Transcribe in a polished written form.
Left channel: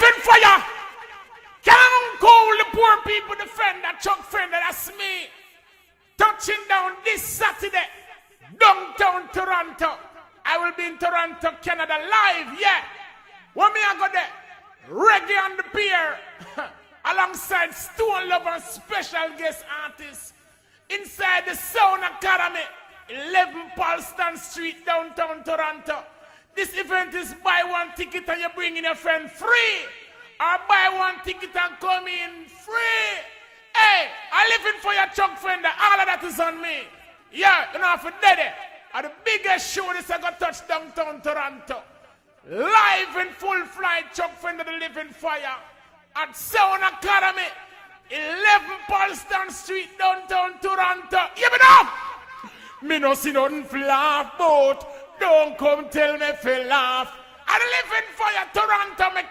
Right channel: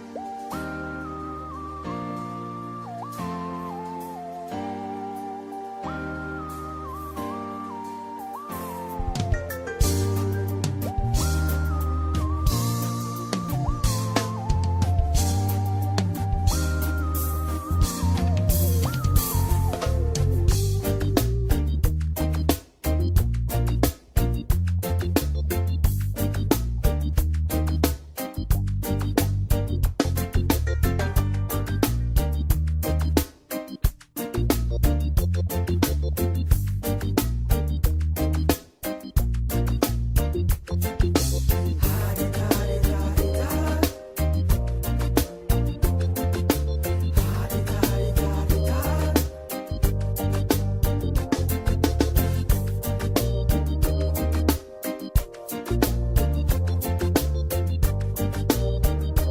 living fire. Can't go the poor people Fender, Chuck Fender, that's me. Touching down this Saturday, downtown Toronto. I will be in Toronto, Canada, live, yeah. When me I go there, reggae on the beer, alongside Stone Lovers, special guest artists. Inside the Sound Academy, 11 POLSON Street, downtown Toronto. This event is buy one ticket and you bring in your friend free. Or buy one ticket and come in free. Hey, I live in for your Chuck Fender, all of that is on me. Yeah, you know have to dead it. And the biggest show this I got touch downtown Toronto. Live in full flight, Chuck Fender the Living Fire. At Sound Academy, 11 POLSON Street, downtown Toronto. Give it up! Me no see nothing black out. Don't come tell me fi laugh. I live in fire, Toronto, me